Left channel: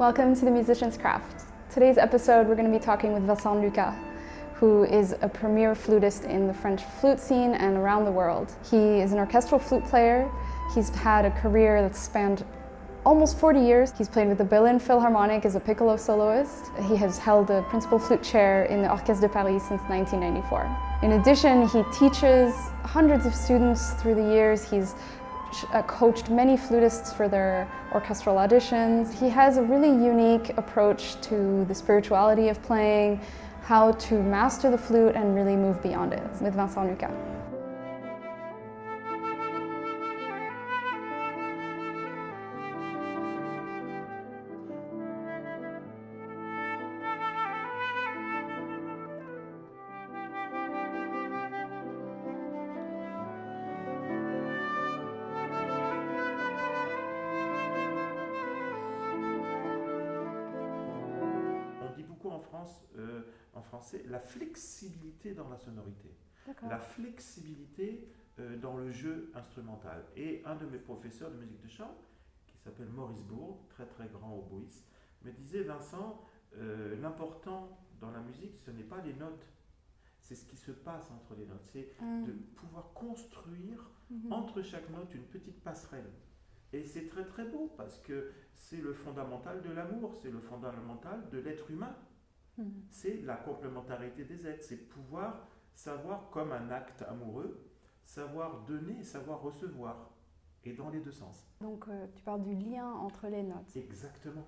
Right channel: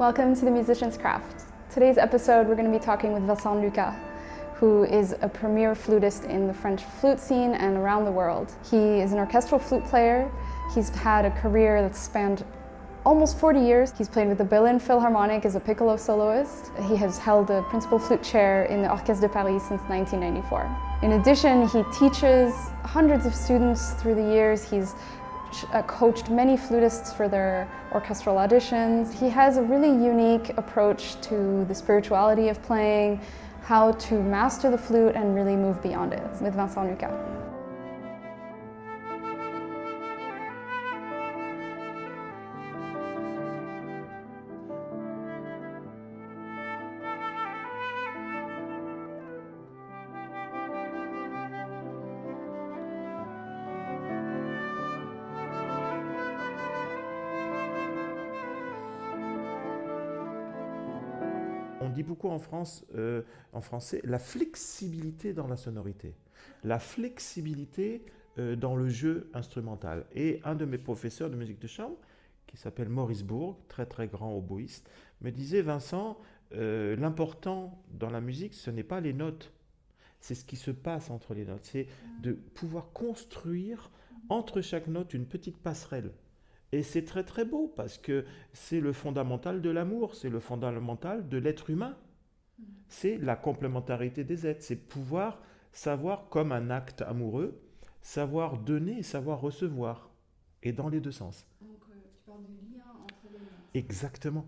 Welcome to The Musician's Craft. Today's episode we're going to be talking with Vincent Lucas, who is a premier flutist in the French flute scene and around the world. He is an orchestral flute player. He's had a career that's spanned almost 40 years. He's played with the Berlin Philharmonic as a piccolo soloist. He has held the principal flute chair in the Orchestre de Paris since 1994. In addition, he teaches hundreds of students through the years. He's coached many flutists for their orchestral auditions. He has a really unique approach to the spirituality of playing, how to master the flute and really move beyond it, with Vincent Lucas. On dit beaucoup en français, la flexibilité dans la sonorité, la flexibilité dans le jeu instrumental. Et un de mes professeurs de musique de chambre, qui s'appelle Maurice Bourg, très très grand oboïste, me disait: Vincent, l'important dans la musique, ce n'est pas les notes, c'est ce qui se passe entre les notes, c'est de pouvoir construire entre chaque note une petite passerelle. Et c'est très très beau parce que c'est le fondamental de l'amour, c'est le fondamental de l'être humain. C'est la complémentarité des êtres, c'est pouvoir savoir, comme un acte amoureux, savoir donner et savoir recevoir, et dans les deux sens. Donc tu parles du lien entre les notes. Exactement.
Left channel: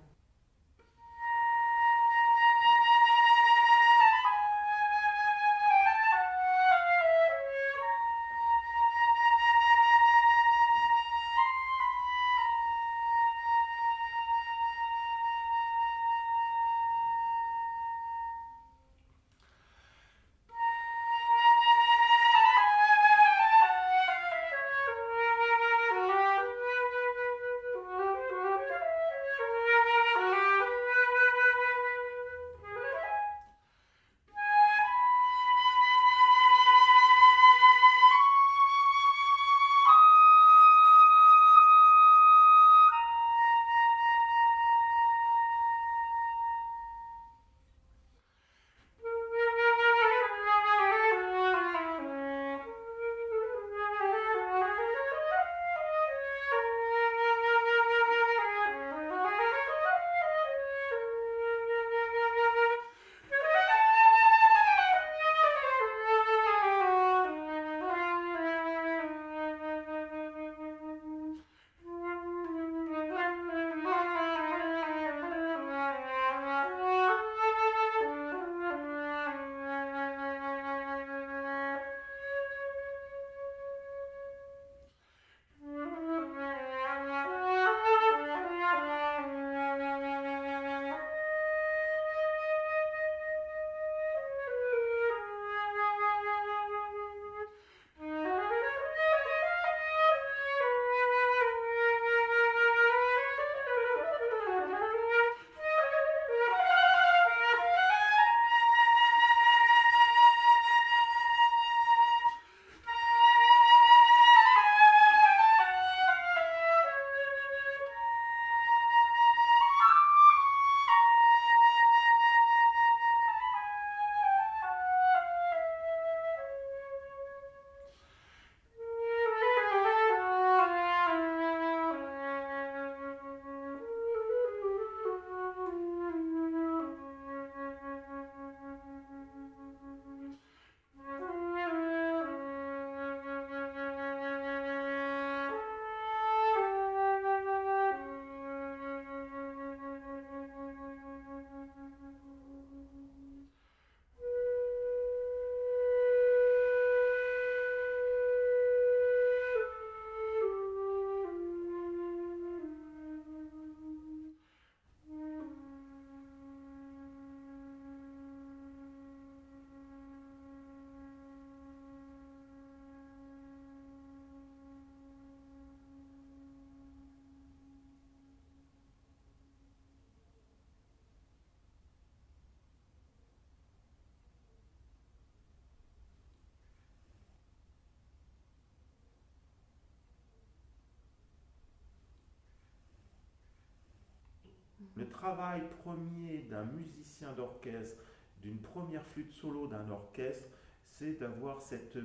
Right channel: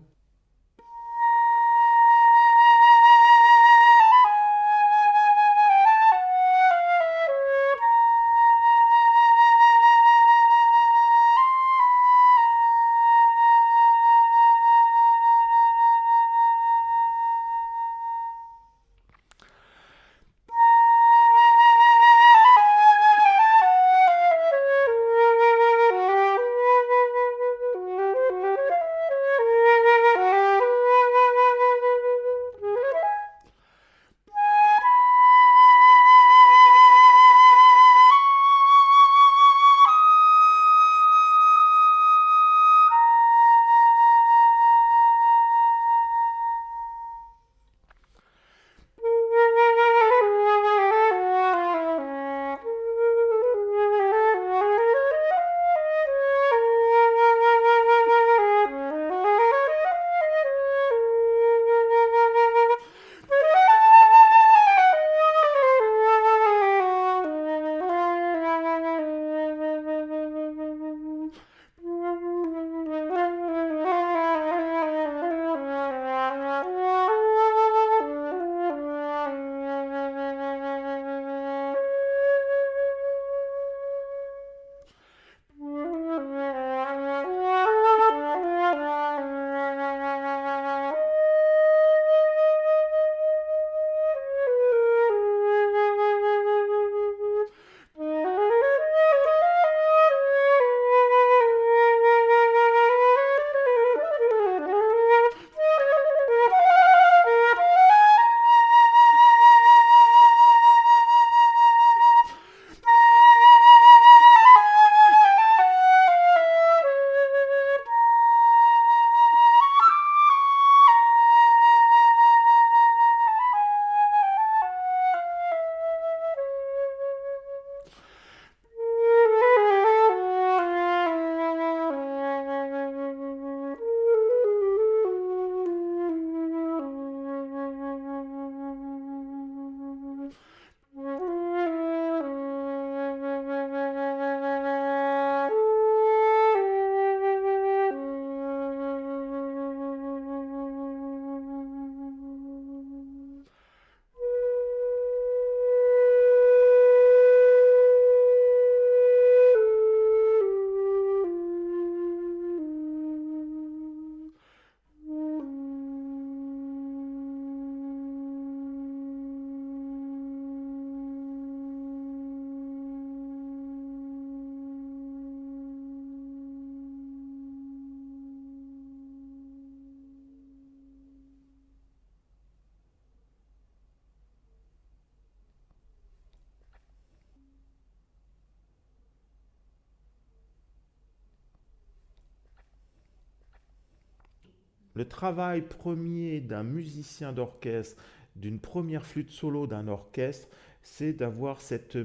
Le travail premier d'un musicien d'orchestre, d'une première flûte solo d'un orchestre, c'est d'avoir cette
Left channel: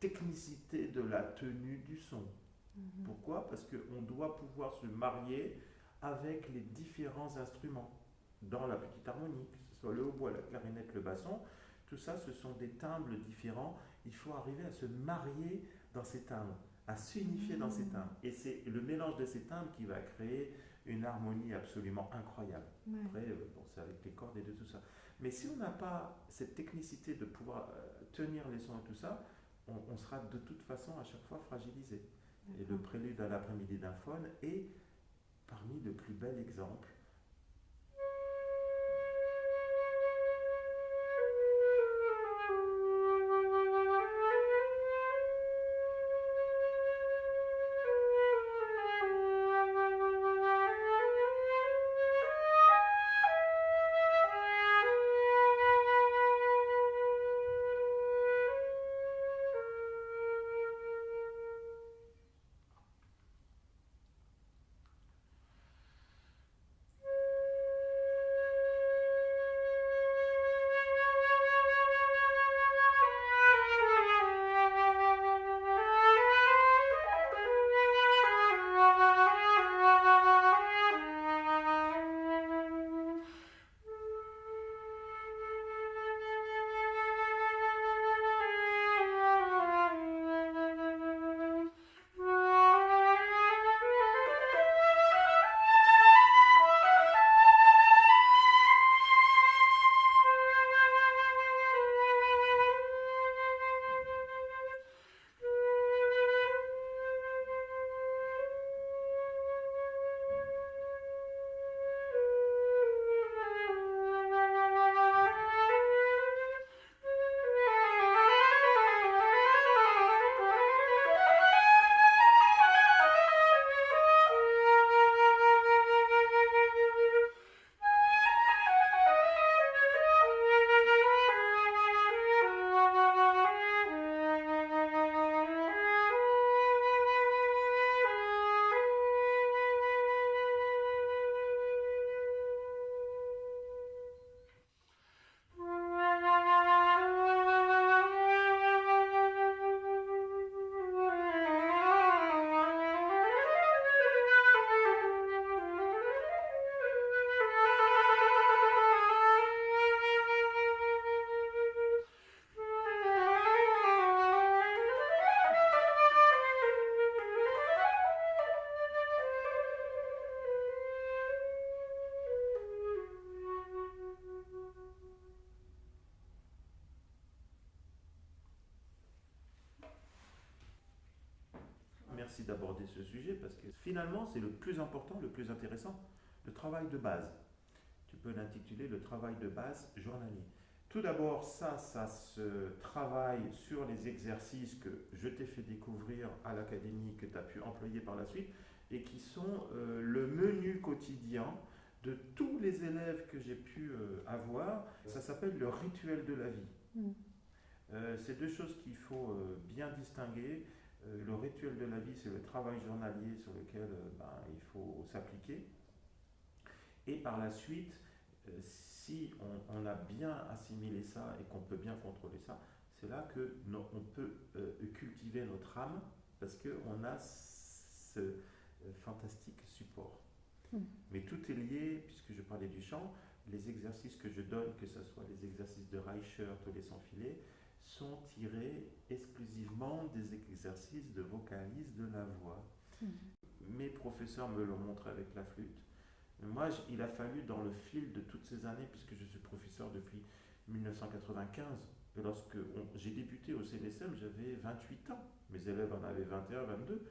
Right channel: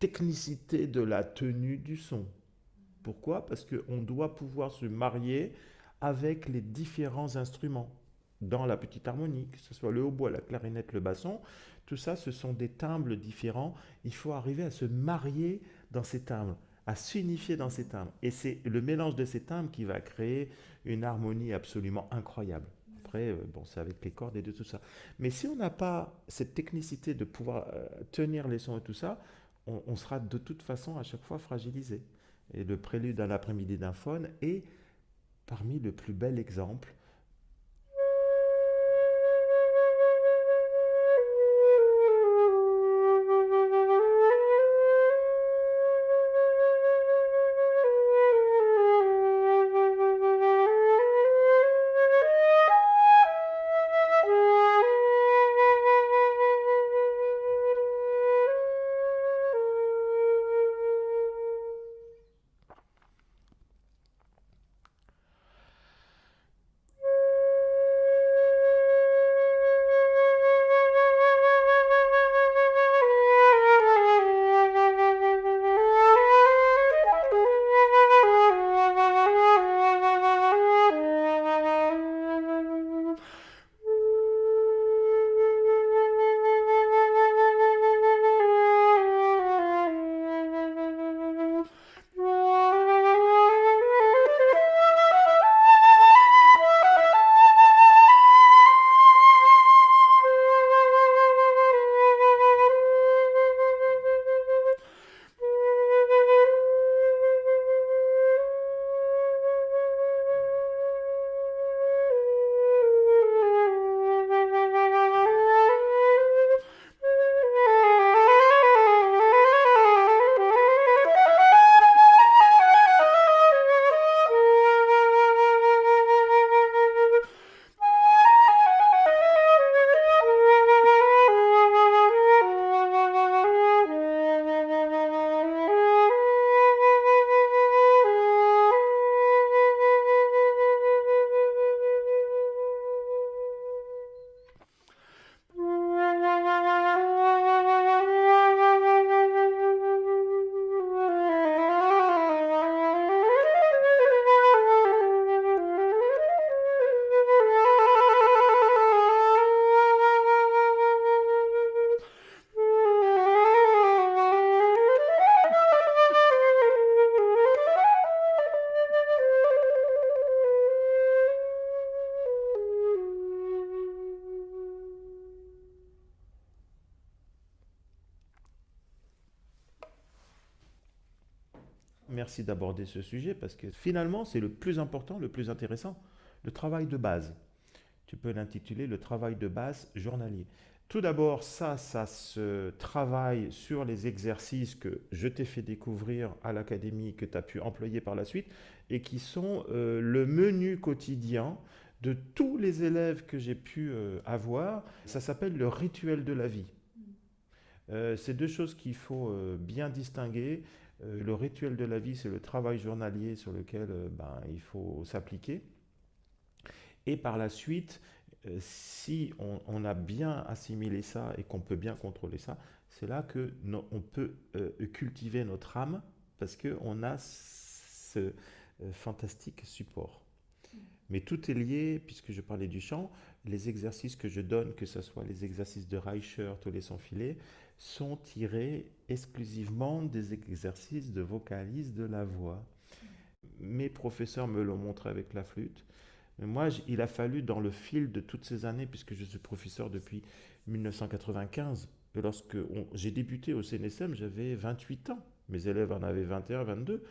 technicité de la tenue du son. Pourquoi? Parce qu'on doit pouvoir se marier avec les différents instruments dans la petite harmonie, que ce soit le hautbois, la clarinette, le basson. Tout ça, ce sont des timbres différents. Il faut arriver à se marier dans ces timbres, à s'unifier dans ces timbres. Et c'est le mélange de ces timbres qui va créer une harmonie absolument incroyable. Ouais. Après, bon, c'est avec les cordes et de tout ça. Mais si on n'a pas cette technicité de pouvoir tenir les sons et tout ça, on sera de toute façon à chaque fois fragilisé. Et le prélude à l'après-midi d'un faune est parmi le plus bel exemple. Merci d'aborder ce sujet parce que finalement, c'est le plus important, le plus intéressant, le travail de base. Tu peux l'intituler le travail de base journalier. Tout d'abord, ça se travaille sur les exercices que je t'ai fait découvrir à l'académie, que tu as pu employer par la suite, et qui sont le menu quotidien de tous les élèves que j'ai pu avoir. Ça s'appelle le rituel de la vie. C'est deux choses qu'il faut bien distinguer. Le rituel de la vie, c'est le travail journalier sur lequel il faut s'appliquer. Et par la suite, si on a bien assimilé ça et qu'on peut bien contrôler ça, c'est là que on peut cultiver notre âme parce qu'on a ce fantastique support. Mais tout est lié, puisque je parlais du chant, les exercices que je donne, que ce soit les exercices de Reichert ou les sons-filés, sont tirés exclusivement des exercices de vocalise de la voix. Mes professeurs me l'ont montré avec la flûte. Mais moi, il a fallu, dans le fil de toutes ces années, puisque je suis professeur depuis 1995, et lorsque j'ai débuté au CNSM, j'avais 28 ans. Mes élèves en avaient 21, 22.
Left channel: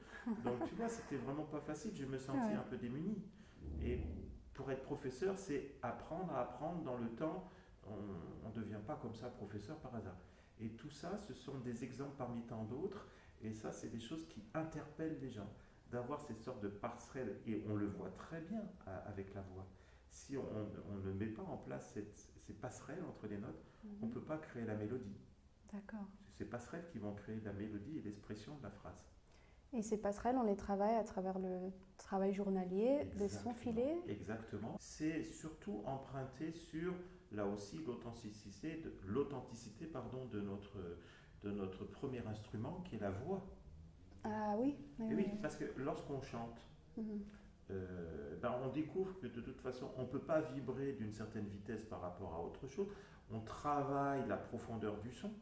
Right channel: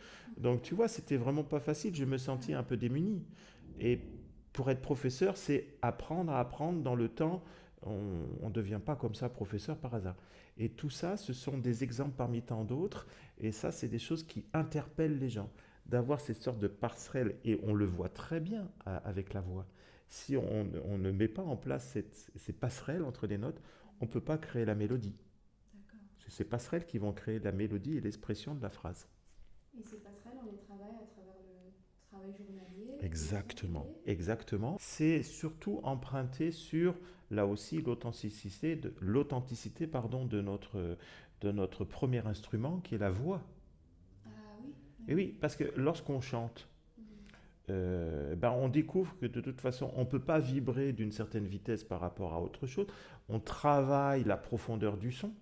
Donc, tu vois, c'était vraiment pas facile. Je me sentais un peu démuni. Et pour être professeur, c'est apprendre à apprendre dans le temps. On ne devient pas comme ça professeur par hasard. Et tout ça, ce sont des exemples parmi tant d'autres. Et ça, c'est des choses qui interpellent les gens. D'avoir cette sorte de passerelle, et on le voit très bien avec la voix. Si on ne met pas en place ces passerelles entre les notes, on ne peut pas créer la mélodie. D'accord. C'est ces passerelles qui vont créer la mélodie et l'expression de la phrase. Et ces passerelles, on les travaille à travers travail journalier, de s'enfiler. Exactement. C'est surtout emprunté sur, là aussi, l'authenticité de notre premier instrument, qui est la voix. Ah oui. Et oui, parce que lorsqu'on chante, on découvre que de toute façon, on ne peut pas vibrer d'une certaine vitesse par rapport à autre chose. On travaille la profondeur du son.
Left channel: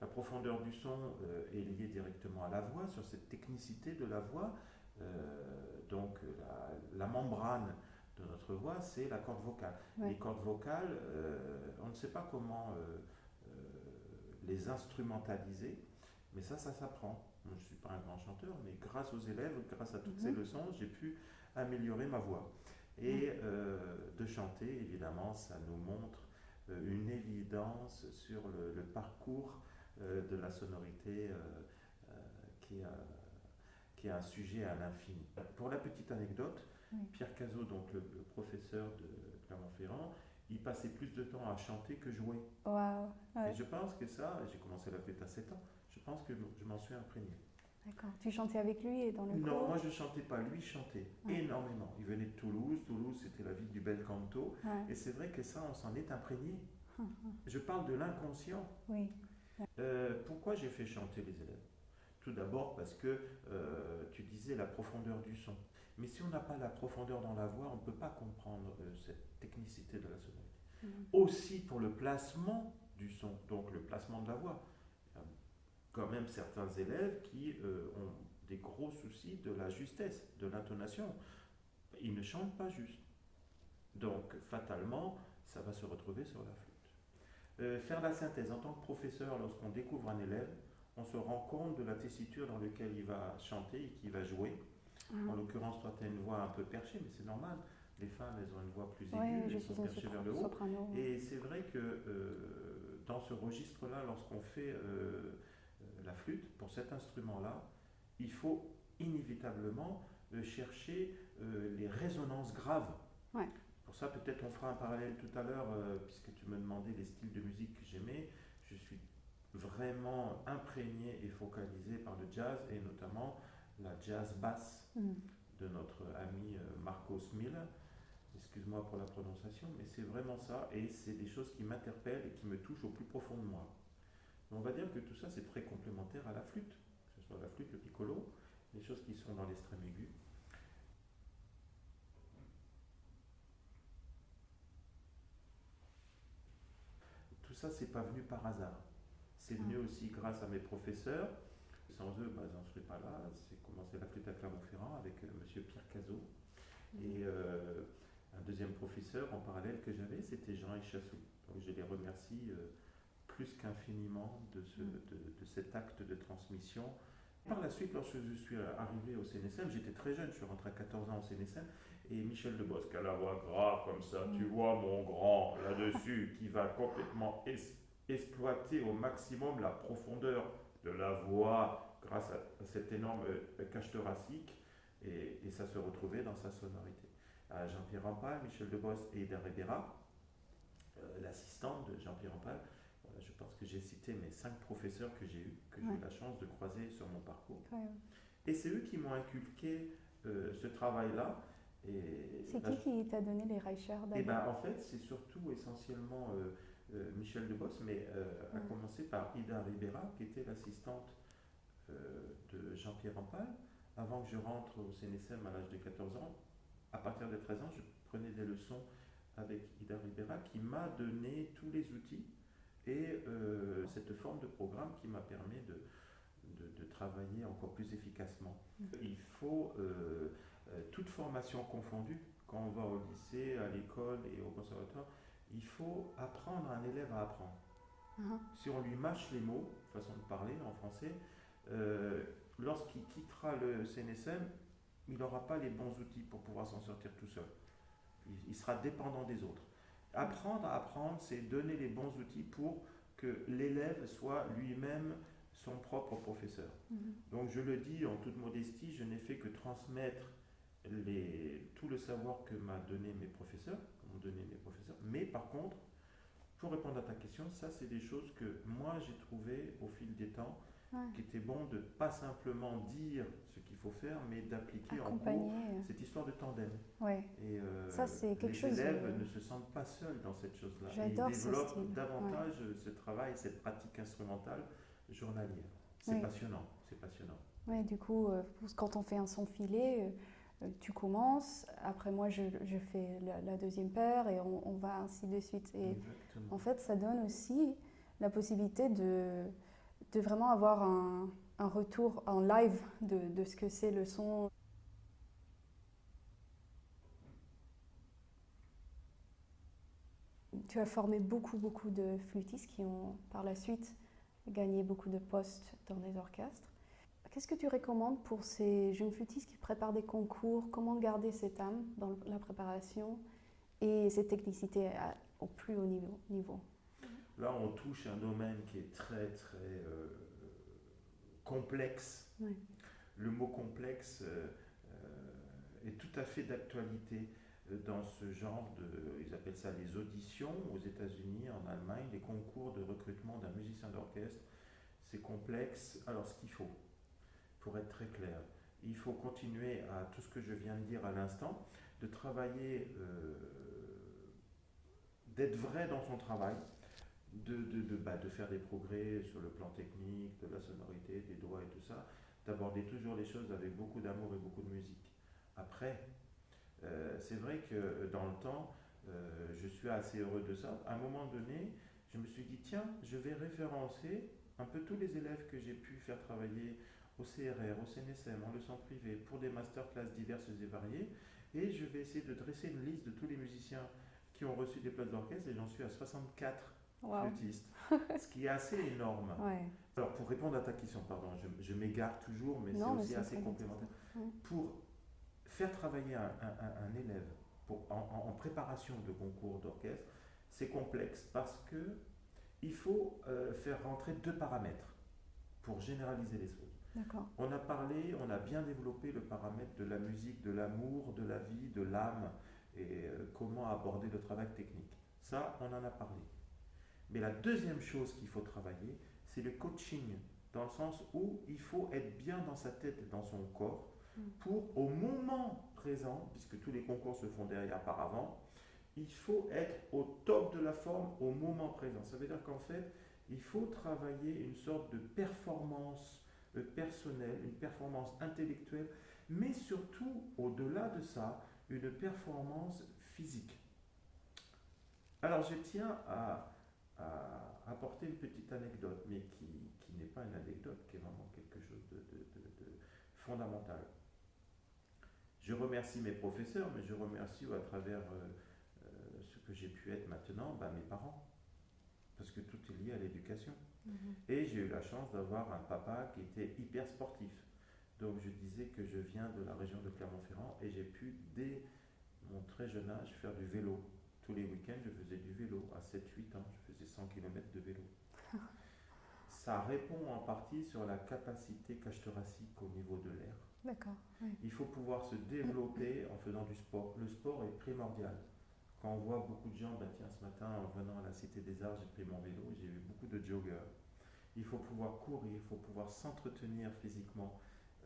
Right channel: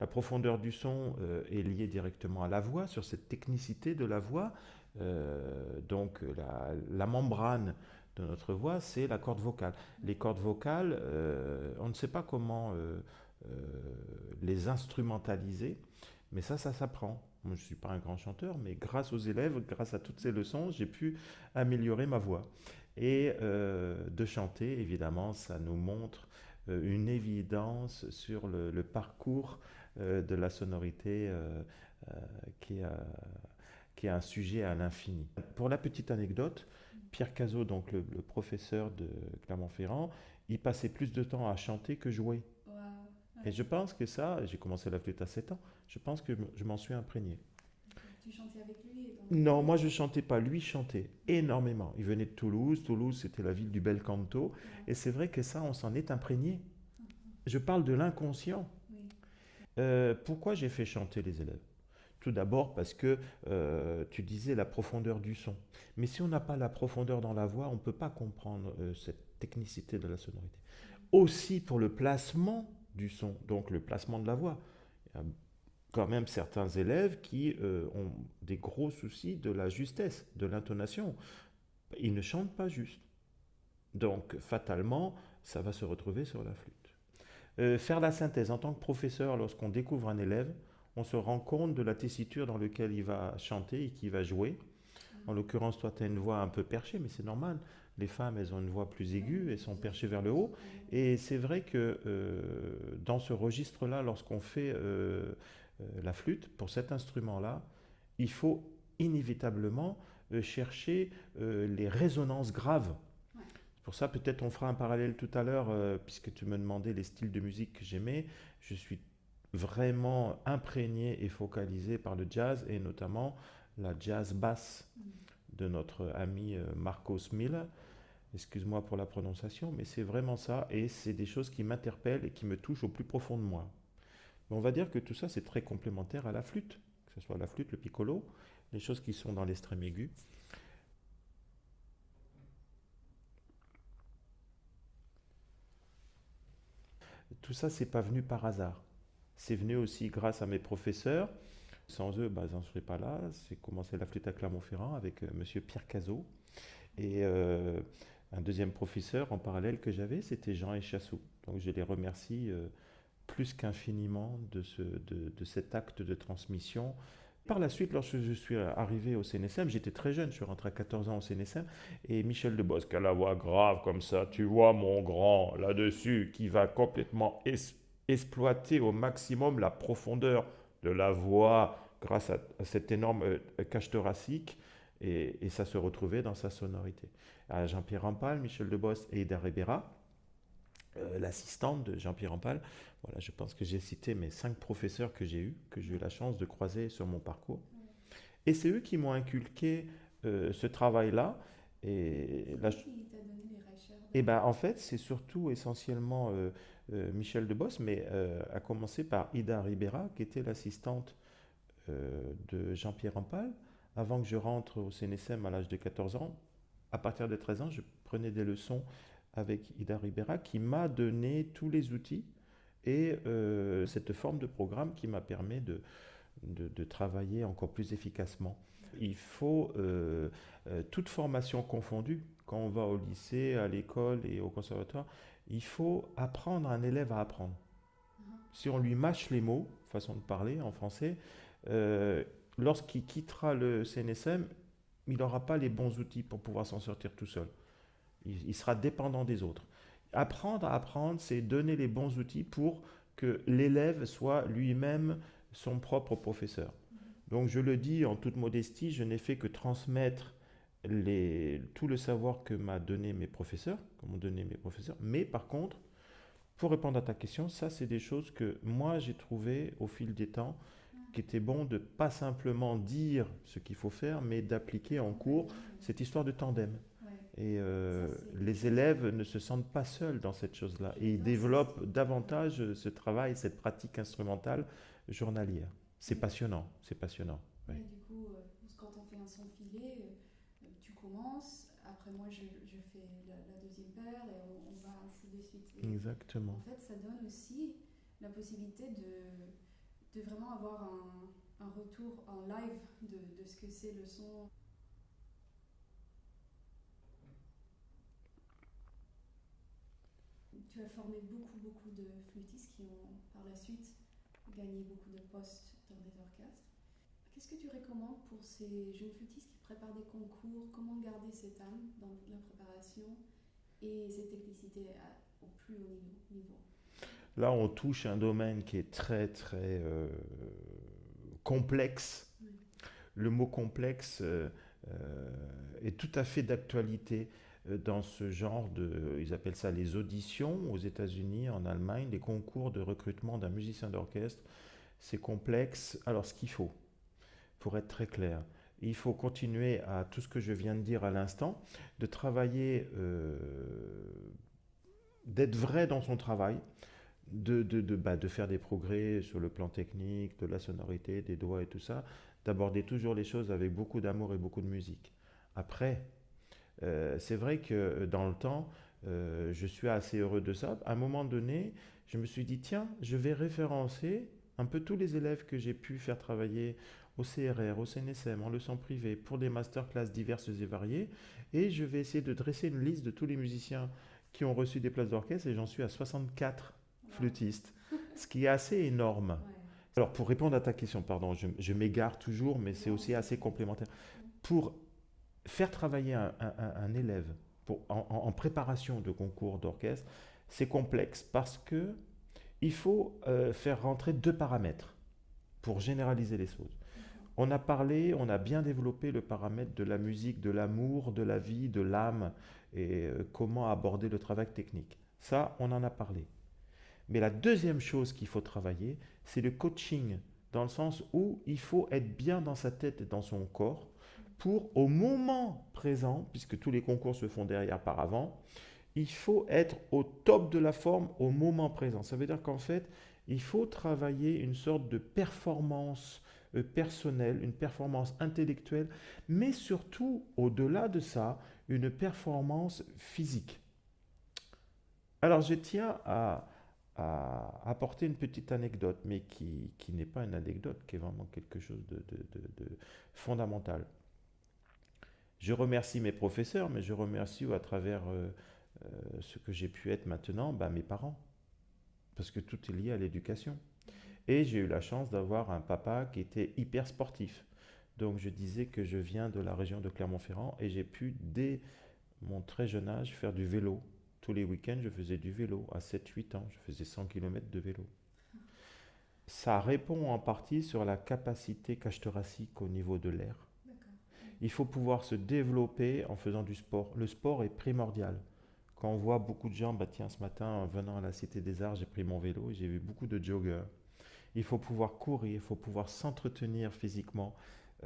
La profondeur du son est liée directement à la voix, sur cette technicité de la voix. Donc la membrane de notre voix, c'est la corde vocale. Ouais. Les cordes vocales, on ne sait pas comment les instrumentaliser, mais ça s'apprend. Moi, je ne suis pas un grand chanteur, mais grâce aux élèves, grâce à toutes ces leçons, j'ai pu améliorer ma voix. Et de chanter, évidemment, ça nous montre une évidence sur le parcours de la sonorité qui est un sujet à l'infini. Pour la petite anecdote, Pierre Cazot, donc le professeur de Clermont-Ferrand, il passait plus de temps à chanter que jouer. Wow. Ouais. Et je pense que ça, j'ai commencé la flûte à 7 ans, je pense que je m'en suis imprégné. D'accord. Tu chantais avec lui et dans les Non, cours? moi je chantais pas, lui chantait énormément. Il venait de Toulouse, Toulouse c'était la ville du bel canto, et c'est vrai que ça, on s'en est imprégné. Je parle de l'inconscient. Oui. Pourquoi j'ai fait chanter les élèves? Tout d'abord parce que tu disais la profondeur du son. Mais si on n'a pas la profondeur dans la voix, on ne peut pas comprendre cette technicité de la sonorité. Aussi pour le placement du son, donc le placement de la voix. Il y a quand même certains élèves qui ont des gros soucis de la justesse, de l'intonation. Ils ne chantent pas juste. Donc fatalement, ça va se retrouver sur la flûte. Faire la synthèse en tant que professeur, lorsqu'on découvre un élève, on se rend compte de la tessiture dans laquelle il va chanter et qu'il va jouer. En l'occurrence, toi, tu as une voix un peu perchée, mais c'est normal. Les femmes, elles ont une voix plus aiguë, elles sont perchées vers le haut. Et c'est vrai que dans ce registre-là, lorsqu'on fait la flûte, pour cet instrument-là, il faut inévitablement chercher les résonances graves. Ouais. Pour ça, peut-être on fera un parallèle tout à l'heure, puisque tu me demandais les styles de musique que j'aimais. Je suis vraiment imprégné et focalisé par le jazz, et notamment la jazz basse de notre ami Marcos Miller. Excuse-moi pour la prononciation, mais c'est vraiment ça, et c'est des choses qui m'interpellent et qui me touchent au plus profond de moi. Mais on va dire que tout ça, c'est très complémentaire à la flûte, que ce soit la flûte, le piccolo, les choses qui sont dans l'extrême aigu. Tout ça, c'est pas venu par hasard. C'est venu aussi grâce à mes professeurs. Sans eux, j'en serais pas là. J'ai commencé la flûte à Clermont-Ferrand avec monsieur Pierre Cazot. Et un deuxième professeur en parallèle que j'avais, c'était Jean Echassou. Donc je les remercie plus qu'infiniment de cet acte de transmission. Par la suite, lorsque je suis arrivé au CNSM, j'étais très jeune, je suis rentré à 14 ans au CNSM, et Michel Debosc, qui a la voix grave comme ça, tu vois mon grand là-dessus, qui va complètement exploiter au maximum la profondeur de la voix grâce à cette énorme cage thoracique, et ça se retrouvait dans sa sonorité. À Jean-Pierre Rampal, Michel Debosc et Ida Ribera, l'assistante de Jean-Pierre Rampal. Voilà, je pense que j'ai cité mes 5 professeurs que j'ai eus, que j'ai eu la chance de croiser sur mon parcours. Ouais. Et c'est eux qui m'ont inculqué ce travail-là. C'est qui t'a donné les Reichers? En fait, c'est surtout essentiellement Michel Debosc, mais à commencer par Ida Ribera, qui était l'assistante de Jean-Pierre Rampal. Avant que je rentre au CNSM à l'âge de 14 ans, à partir de 13 ans, je prenais des leçons avec Ida Ribera, qui m'a donné tous les outils et cette forme de programme qui m'a permis de travailler encore plus efficacement. Il faut, toute formation confondue, quand on va au lycée, à l'école et au conservatoire, il faut apprendre un élève à apprendre. Si on lui mâche les mots, façon de parler en français, lorsqu'il quittera le CNSM, il n'aura pas les bons outils pour pouvoir s'en sortir tout seul. Il sera dépendant des autres. Apprendre à apprendre, c'est donner les bons outils pour que l'élève soit lui-même son propre professeur. Donc je le dis en toute modestie, je n'ai fait que transmettre tout le savoir que m'ont donné mes professeurs, mais par contre, pour répondre à ta question, ça c'est des choses que moi j'ai trouvées au fil des temps Ouais. qu'il était bon de pas simplement dire ce qu'il faut faire, mais d'appliquer en Accompagner, cours cette histoire de tandem. ouais. Et Ça, c'est quelque les chose, élèves ne se sentent pas seuls dans cette chose-là. Et ils j'adore ce développent style. davantage ce travail, cette pratique instrumentale journalière. C'est Ouais. passionnant, c'est passionnant. Oui. Ouais, du coup, quand on fait un son filé, tu commences, après moi je fais la deuxième paire et on va ainsi de suite. Et Exactement. en fait, ça donne aussi la possibilité de vraiment avoir un retour en live de ce que c'est le son. Tu as formé beaucoup de flûtistes qui ont par la suite gagné beaucoup de postes dans des orchestres. Qu'est-ce que tu recommandes pour ces jeunes flûtistes qui préparent des concours? Comment garder cette âme dans la préparation et cette technicité au plus haut niveau? Là, on touche un domaine qui est très complexe. Ouais. Le mot complexe est tout à fait d'actualité dans ce genre de, ils appellent ça les auditions aux États-Unis, en Allemagne, les concours de recrutement d'un musicien d'orchestre. C'est complexe. Alors, ce qu'il faut, pour être très clair, il faut continuer à tout ce que je viens de dire à l'instant, de travailler, d'être vrai dans son travail, de faire des progrès sur le plan technique, de la sonorité, des doigts et tout ça, d'aborder toujours les choses avec beaucoup d'amour et beaucoup de musique. Après, c'est vrai que dans le temps, je suis assez heureux de ça. À un moment donné, je me suis dit, tiens, je vais référencer un peu tous les élèves que j'ai pu faire travailler au CRR, au CNSM, en leçon privée, pour des masterclass diverses et variées, et je vais essayer de dresser une liste de tous les musiciens qui ont reçu des places d'orchestre, et j'en suis à 64 Wow. flûtistes, ce qui est assez énorme. Ouais. Alors, pour répondre à ta question, pardon, je m'égare toujours, mais c'est Non, mais aussi c'est assez très complémentaire. bien. Ouais. Pour faire travailler un élève en préparation de concours d'orchestre, c'est complexe parce que il faut faire rentrer deux paramètres pour généraliser les choses. D'accord. On a parlé, on a bien développé le paramètre de la musique, de l'amour, de la vie, de l'âme et comment aborder le travail technique. Ça, on en a parlé. Mais la deuxième chose qu'il faut travailler, c'est le coaching, dans le sens où il faut être bien dans sa tête et dans son corps pour, au moment présent, puisque tous les concours se font derrière par avant, il faut être au top de la forme au moment présent. Ça veut dire qu'en fait, il faut travailler une sorte de performance personnelle, une performance intellectuelle, mais surtout, au-delà de ça, une performance physique. Alors, je tiens à apporter une petite anecdote, mais qui n'est pas une anecdote, qui est vraiment quelque chose de fondamental. Je remercie mes professeurs, mais je remercie à travers ce que j'ai pu être maintenant, mes parents, parce que tout est lié à l'éducation. Et j'ai eu la chance d'avoir un papa qui était hyper sportif. Donc je disais que je viens de la région de Clermont-Ferrand et j'ai pu, dès mon très jeune âge, faire du vélo. Tous les week-ends, je faisais du vélo. À 7-8 ans, je faisais 100 km de vélo. Ça répond en partie sur la capacité cage-thoracique au niveau de l'air. D'accord. Ouais. Il faut pouvoir se développer en faisant du sport. Le sport est primordial. Quand on voit beaucoup de gens, tiens, ce matin, en venant à la Cité des Arts, j'ai pris mon vélo et j'ai vu beaucoup de joggers. Il faut pouvoir courir, il faut pouvoir s'entretenir physiquement.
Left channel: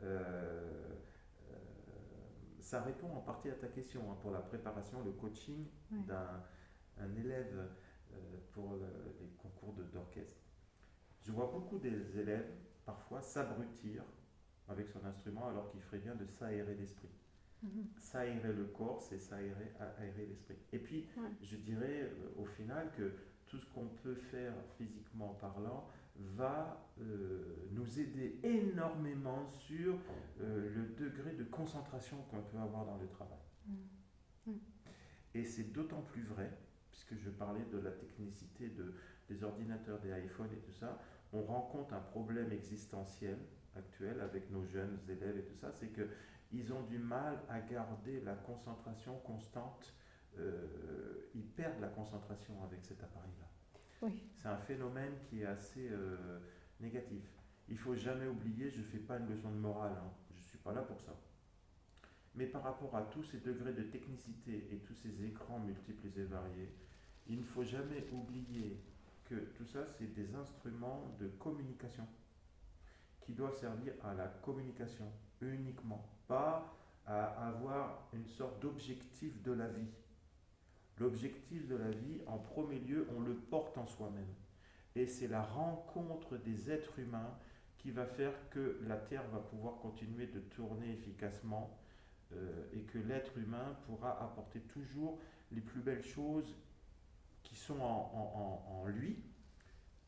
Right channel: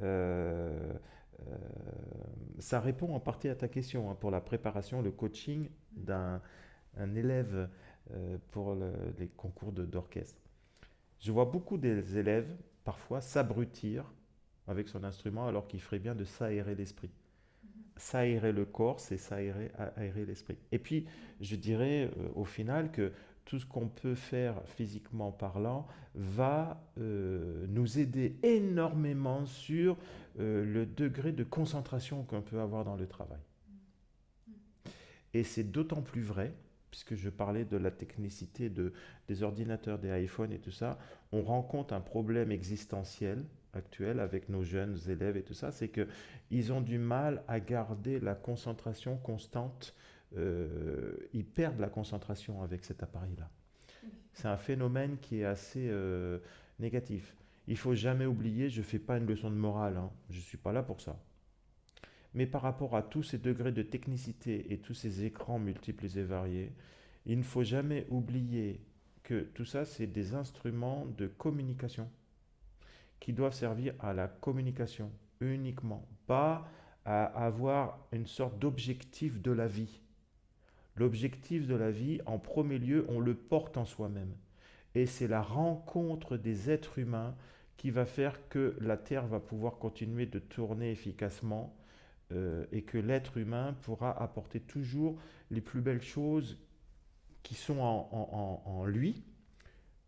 Euh, euh, Ça répond en partie à ta question pour la préparation, le coaching Ouais. d'un un élève pour les concours d'orchestre. Je vois beaucoup des élèves parfois s'abrutir avec son instrument alors qu'il ferait bien de s'aérer l'esprit. S'aérer le corps, c'est aérer l'esprit. Et puis, Ouais. je dirais au final que tout ce qu'on peut faire physiquement parlant va nous aider énormément sur le degré de concentration qu'on peut avoir dans le travail. Ouais. Et c'est d'autant plus vrai, puisque je parlais de la technicité des ordinateurs, des iPhones et tout ça, on rencontre un problème existentiel actuel avec nos jeunes élèves et tout ça, c'est qu'ils ont du mal à garder la concentration constante. Ils perdent la concentration avec cet appareil-là. Oui. C'est un phénomène qui est assez négatif. Il faut jamais oublier, je ne fais pas une leçon de morale, hein, je ne suis pas là pour ça. Mais par rapport à tous ces degrés de technicité et tous ces écrans multiples et variés, il ne faut jamais oublier que tout ça, c'est des instruments de communication. qui doivent servir à la communication uniquement, pas à avoir une sorte d'objectif de la vie. L'objectif de la vie, en premier lieu, on le porte en soi-même. Et c'est la rencontre des êtres humains qui va faire que la Terre va pouvoir continuer de tourner efficacement et que l'être humain pourra apporter toujours les plus belles choses qui sont en lui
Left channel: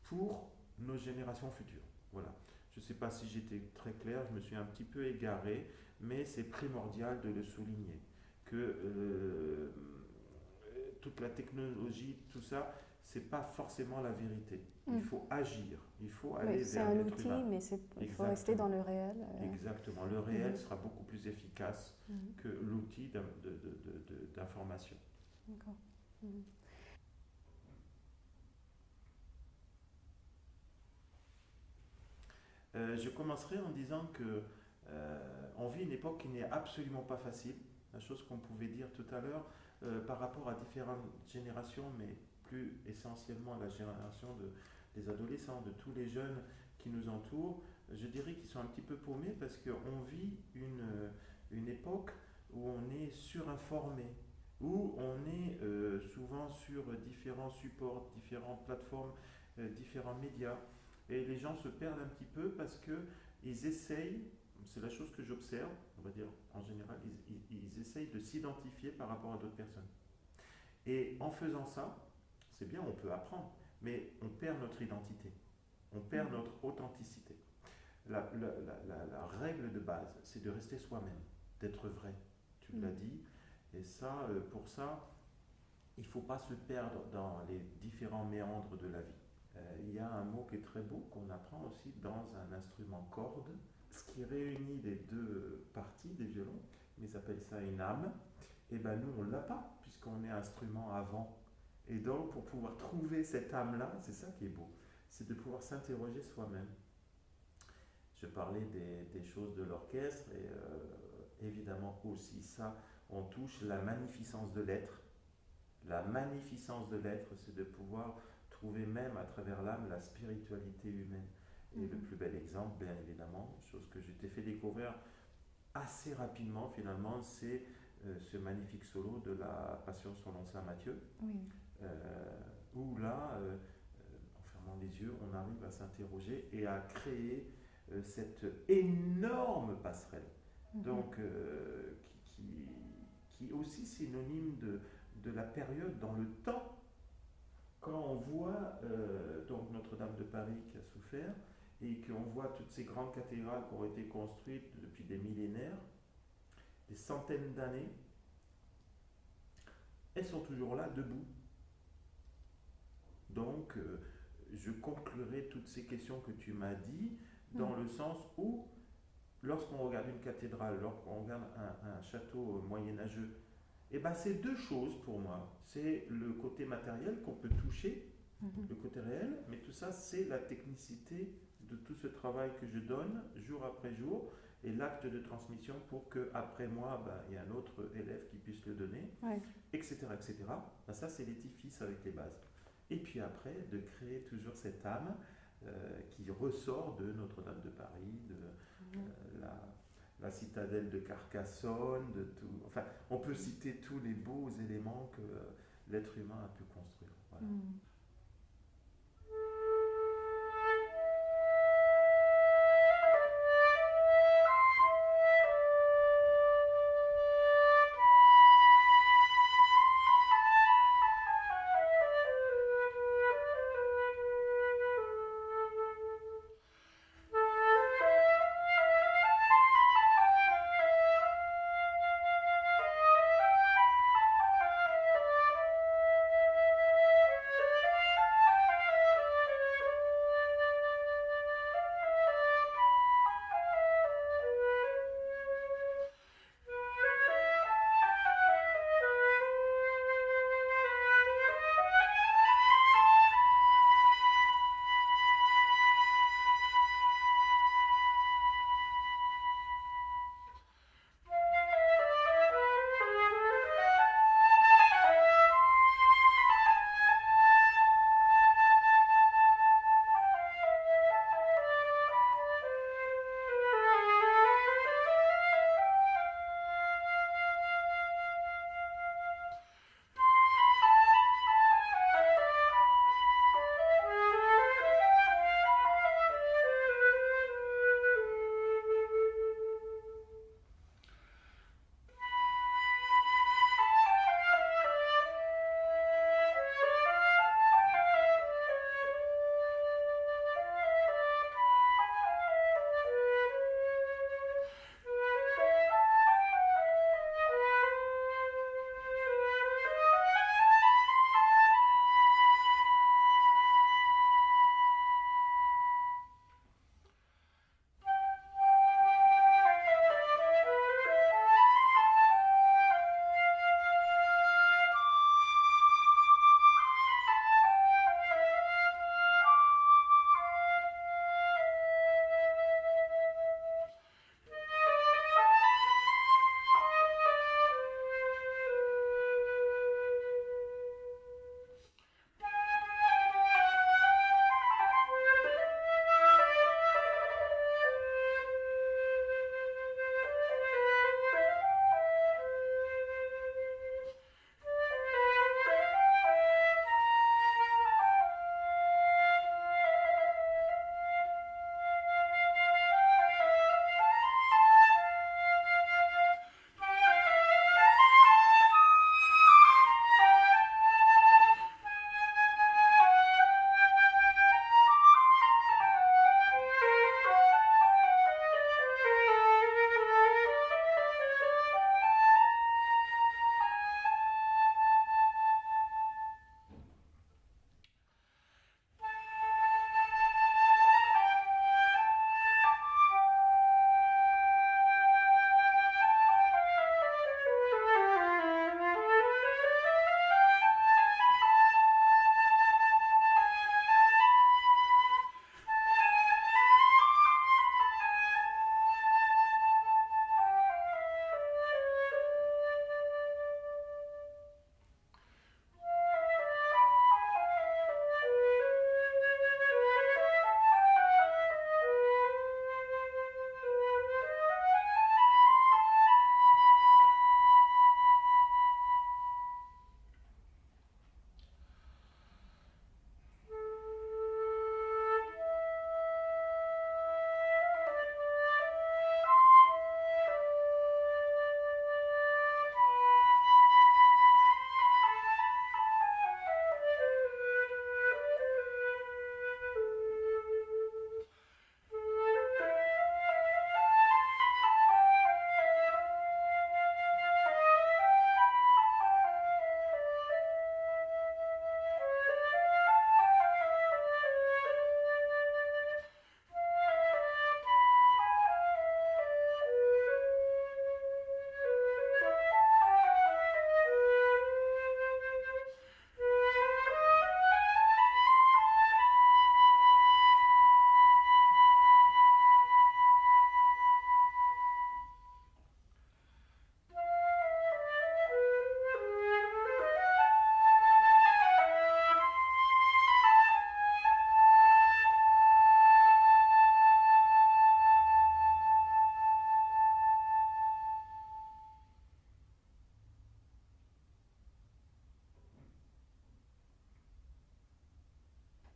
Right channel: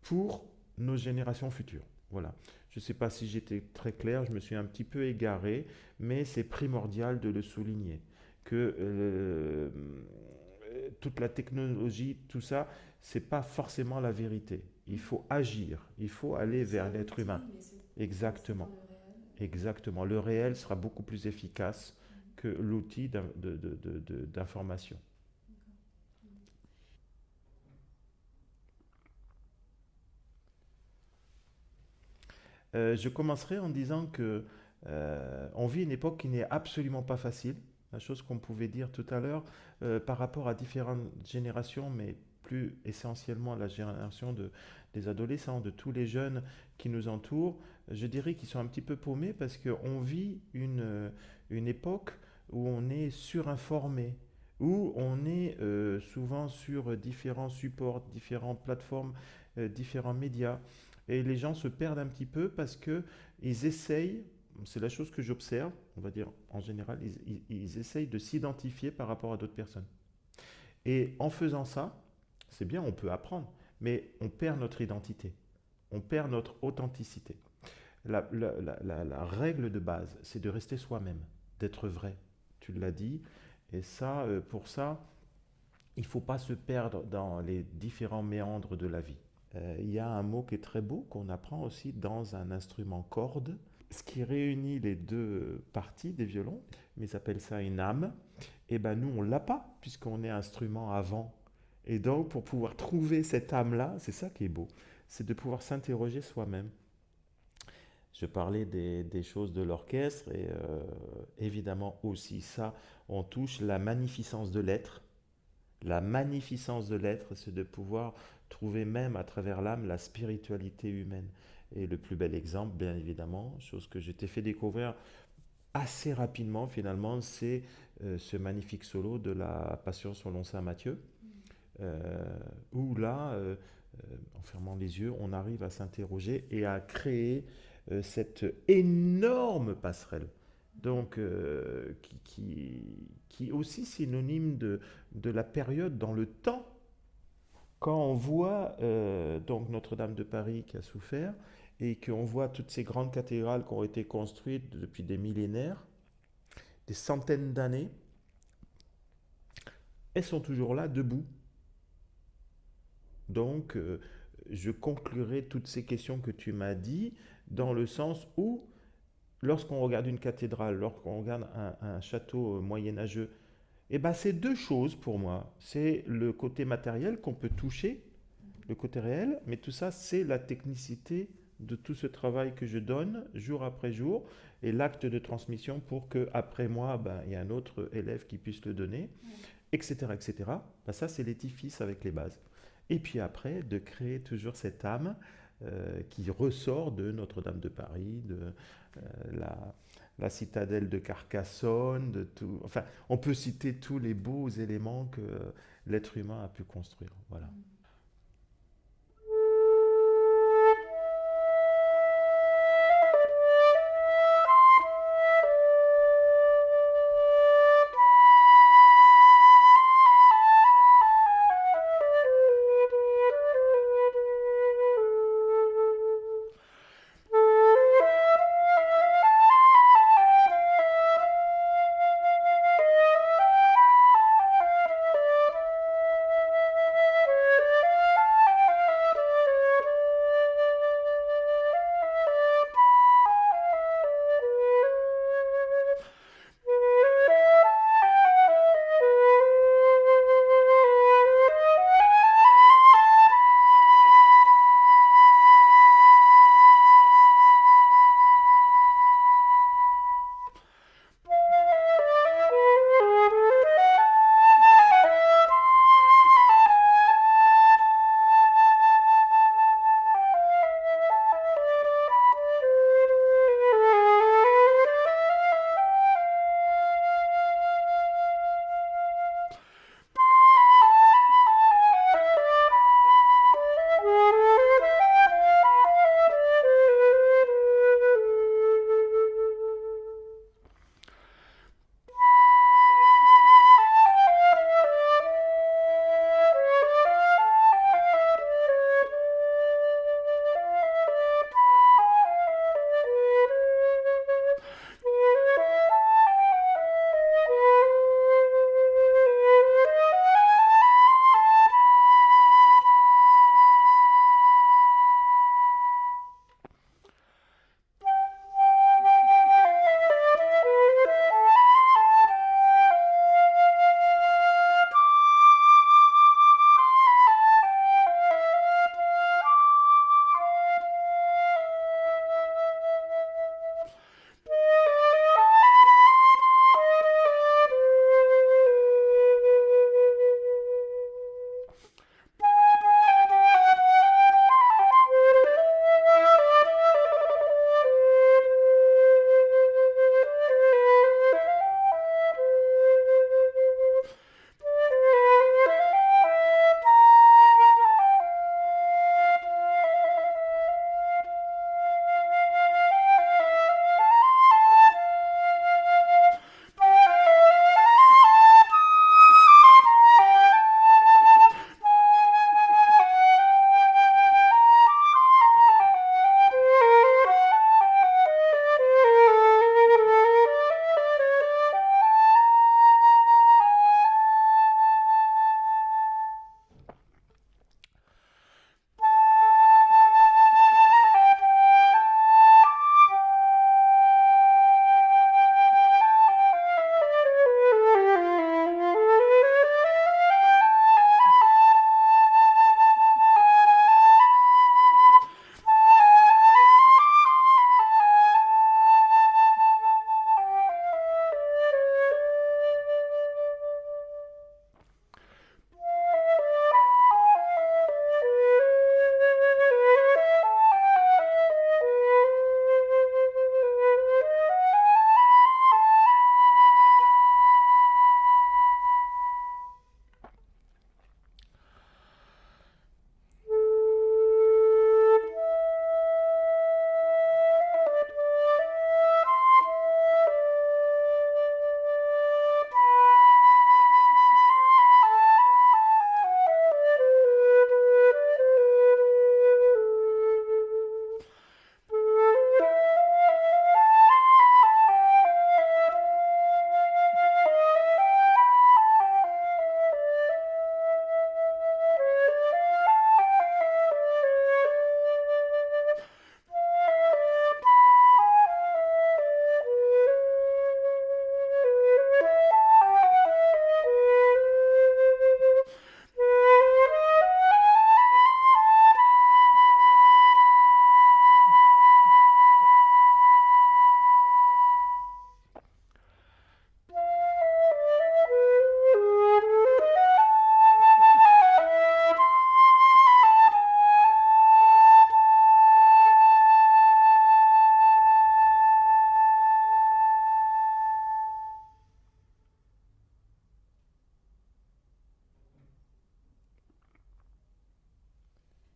pour nos générations futures. Voilà. Je ne sais pas si j'étais très clair, je me suis un petit peu égaré, mais c'est primordial de le souligner, que toute la technologie, tout ça, c'est pas forcément la vérité. Il faut agir, il faut aller vers l'être humain. Mais il faut rester dans le réel. Exactement. Le réel sera beaucoup plus efficace que l'outil d'information. D'accord. Je commencerai en disant que on vit une époque qui n'est absolument pas facile. La chose qu'on pouvait dire tout à l'heure par rapport à différentes générations, mais plus essentiellement à la génération des adolescents, de tous les jeunes qui nous entourent, je dirais qu'ils sont un petit peu paumés parce qu'on vit une époque où on est surinformé, où on est souvent sur différents supports, différentes plateformes, différents médias. Et les gens se perdent un petit peu parce qu'ils essayent, c'est la chose que j'observe, on va dire en général, ils essayent de s'identifier par rapport à d'autres personnes. Et en faisant ça, c'est bien, on peut apprendre, mais on perd notre identité, on perd notre authenticité. La règle de base, c'est de rester soi-même, d'être vrai. Tu l'as dit, et ça, pour ça, il ne faut pas se perdre dans les différents méandres de la vie. Il y a un mot qui est très beau, qu'on apprend aussi dans un instrument corde, ce qui réunit les deux parties des violons, mais ils appellent ça une âme. Et ben nous, on ne l'a pas, puisqu'on est instrument avant. Et donc, pour pouvoir trouver cette âme-là, c'est ça qui est beau, c'est de pouvoir s'interroger soi-même. Je parlais des choses de l'orchestre, et évidemment aussi ça, on touche la magnificence de l'être. La magnificence de l'être, c'est de pouvoir trouver même à travers l'âme la spiritualité humaine. Et le plus bel exemple, bien évidemment, chose que je t'ai fait découvrir assez rapidement finalement, c'est ce magnifique solo de la Passion selon Saint Matthieu, où là, en fermant les yeux, on arrive à s'interroger et à créer cette énorme passerelle, donc qui est aussi synonyme de la période dans le temps. Quand on voit donc Notre-Dame de Paris qui a souffert et qu'on voit toutes ces grandes cathédrales qui ont été construites depuis des millénaires, des centaines d'années, elles sont toujours là, debout. Donc, je conclurai toutes ces questions que tu m'as dit dans le sens où, lorsqu'on regarde une cathédrale, lorsqu'on regarde un château moyenâgeux, et ben c'est deux choses pour moi. C'est le côté matériel qu'on peut toucher, le côté réel, mais tout ça, c'est la technicité de tout ce travail que je donne jour après jour et l'acte de transmission pour qu'après moi, ben, il y a un autre élève qui puisse le donner, etc. etc. Ben, ça, c'est l'édifice avec les bases. Et puis après, de créer toujours cette âme qui ressort de Notre-Dame de Paris, de la citadelle de Carcassonne, de tout. Enfin, on peut citer tous les beaux éléments que l'être humain a pu construire. Voilà.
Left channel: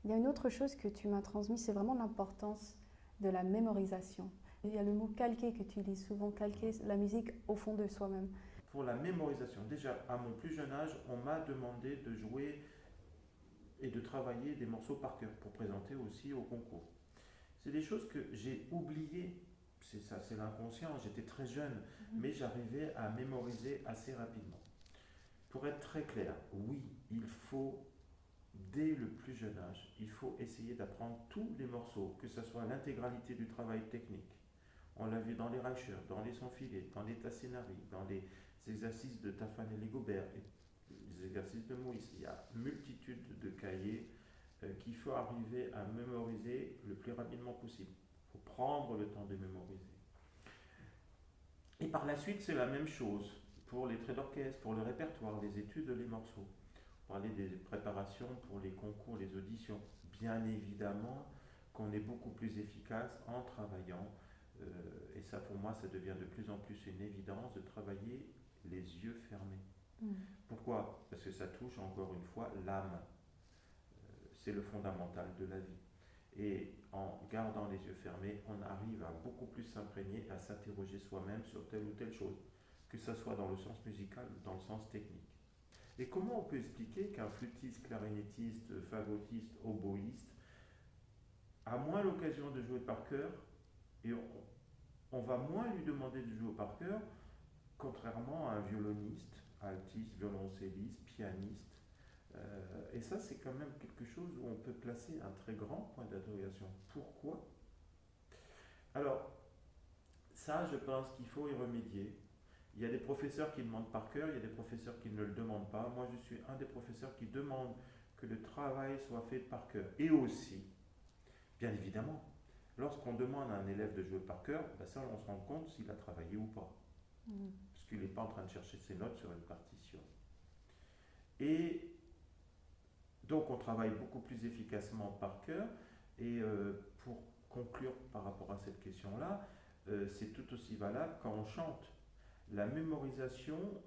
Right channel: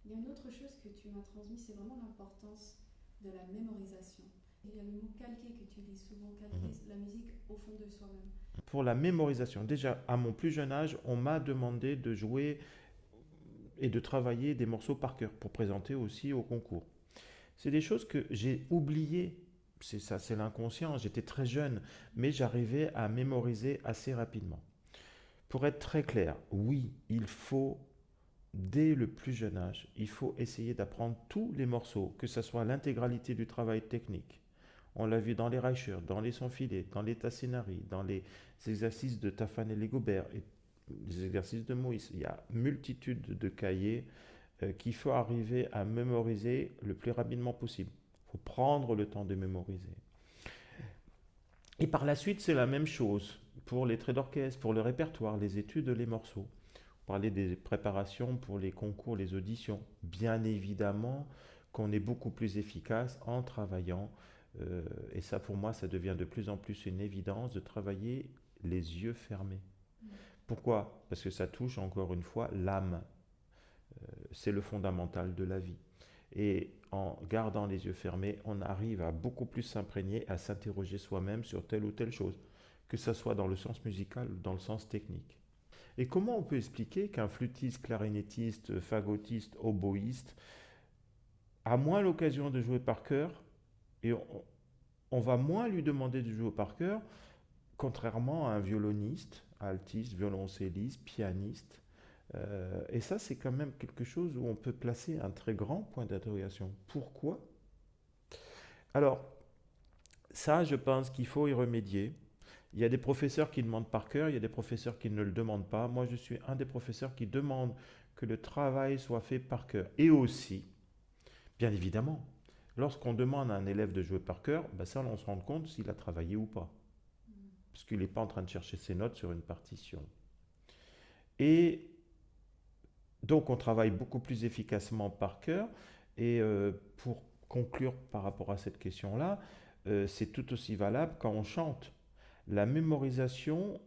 Il y a une autre chose que tu m'as transmise, c'est vraiment l'importance de la mémorisation. Il y a le mot calquer que tu utilises souvent, calquer la musique au fond de soi-même. Pour la mémorisation, déjà à mon plus jeune âge, on m'a demandé de jouer et de travailler des morceaux par cœur pour présenter aussi au concours. C'est des choses que j'ai oubliées. C'est ça, c'est l'inconscient. J'étais très jeune, mais j'arrivais à mémoriser assez rapidement. Pour être très clair, oui, il faut, dès le plus jeune âge, il faut essayer d'apprendre tous les morceaux, que ce soit l'intégralité du travail technique. On l'a vu dans les Reicher, dans les sans-filets, dans les Tassinari, dans les exercices de Tafanel et Gobert, et les exercices de Moïse. Il y a multitude de cahiers qu'il faut arriver à mémoriser le plus rapidement possible. Il faut prendre le temps de mémoriser. Et par la suite, c'est la même chose pour les traits d'orchestre, pour le répertoire, les études, les morceaux. Vous parlez des préparations pour les concours, les auditions. Bien évidemment qu'on est beaucoup plus efficace en travaillant, et ça pour moi, ça devient de plus en plus une évidence de travailler les yeux fermés. Pourquoi? Parce que ça touche encore une fois l'âme. C'est le fondamental de la vie. Et en gardant les yeux fermés, on arrive à beaucoup plus s'imprégner, à s'interroger soi-même sur telle ou telle chose, que ce soit dans le sens musical ou dans le sens technique. Et comment on peut expliquer qu'un flûtiste, clarinettiste, fagottiste, oboïste a moins l'occasion de jouer par cœur et on va moins lui demander de jouer par cœur, contrairement à un violoniste, altiste, violoncelliste, pianiste. Et ça, c'est quand même quelque chose où on peut placer un très grand point d'interrogation. Pourquoi? Alors, ça, je pense qu'il faut y remédier. Il y a des professeurs qui demandent par cœur, il y a des professeurs qui ne le demandent pas. Moi, je suis un des professeurs qui demande que le travail soit fait par cœur. Et aussi, bien évidemment, lorsqu'on demande à un élève de jouer par cœur, ben ça, on se rend compte s'il a travaillé ou pas. Puisqu'il n'est pas en train de chercher ses notes sur une partition. Et donc, on travaille beaucoup plus efficacement par cœur. Et pour conclure par rapport à cette question-là, c'est tout aussi valable quand on chante. La mémorisation,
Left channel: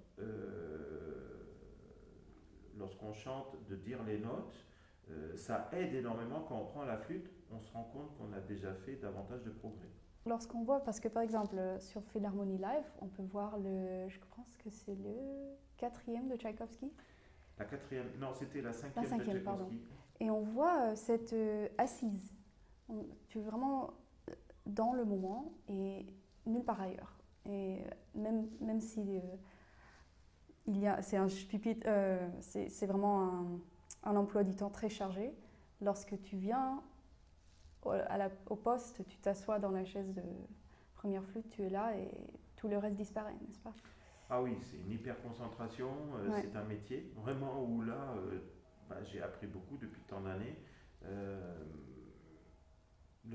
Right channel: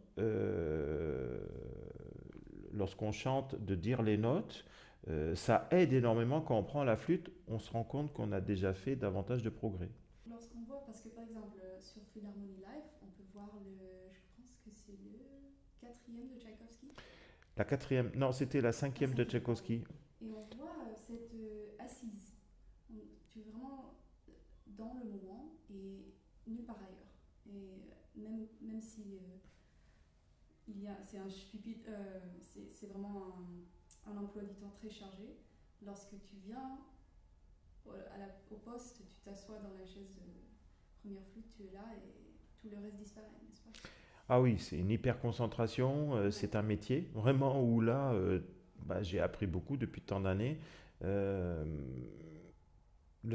lorsqu'on chante, de dire les notes, ça aide énormément. Quand on prend la flûte, on se rend compte qu'on a déjà fait davantage de progrès. Lorsqu'on voit, parce que par exemple sur Philharmonie Live, on peut voir je pense que c'est le 4e de Tchaïkovski. La 4e, non, c'était la 5e de Tchaïkovski. Pardon. Et on voit cette assise. Tu es vraiment dans le moment et nulle part ailleurs. Et même si c'est un pupitre, c'est vraiment un emploi du temps très chargé. Lorsque tu viens au poste, tu t'assois dans la chaise de première flûte, tu es là et tout le reste disparaît, n'est-ce pas? Ah oui, c'est une hyper concentration, c'est un métier vraiment où là, j'ai appris beaucoup depuis tant d'années. Le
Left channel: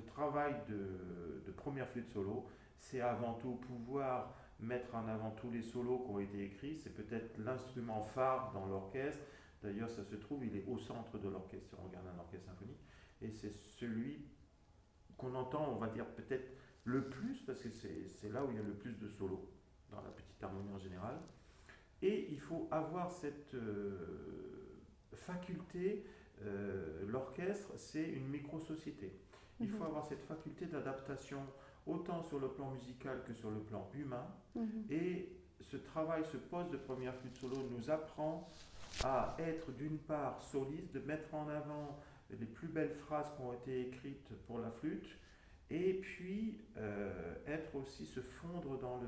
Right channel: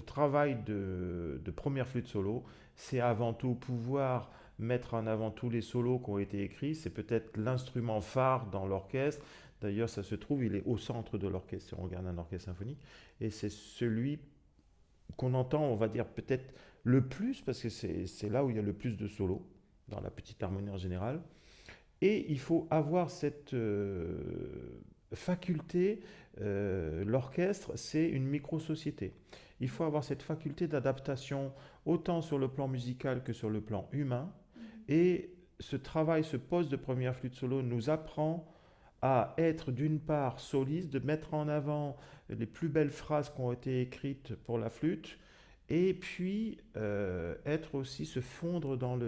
travail de première flûte solo, c'est avant tout pouvoir mettre en avant tous les solos qui ont été écrits. C'est peut-être l'instrument phare dans l'orchestre. D'ailleurs, ça se trouve, il est au centre de l'orchestre si on regarde un orchestre symphonique. Et c'est celui qu'on entend, on va dire, peut-être le plus, parce que c'est là où il y a le plus de solos, dans la petite harmonie en général. Et il faut avoir cette faculté, l'orchestre, c'est une micro-société. Il faut avoir cette faculté d'adaptation, autant sur le plan musical que sur le plan humain. Et ce travail, ce poste de première flûte solo nous apprend à être d'une part soliste, de mettre en avant les plus belles phrases qui ont été écrites pour la flûte, et puis être aussi, se fondre dans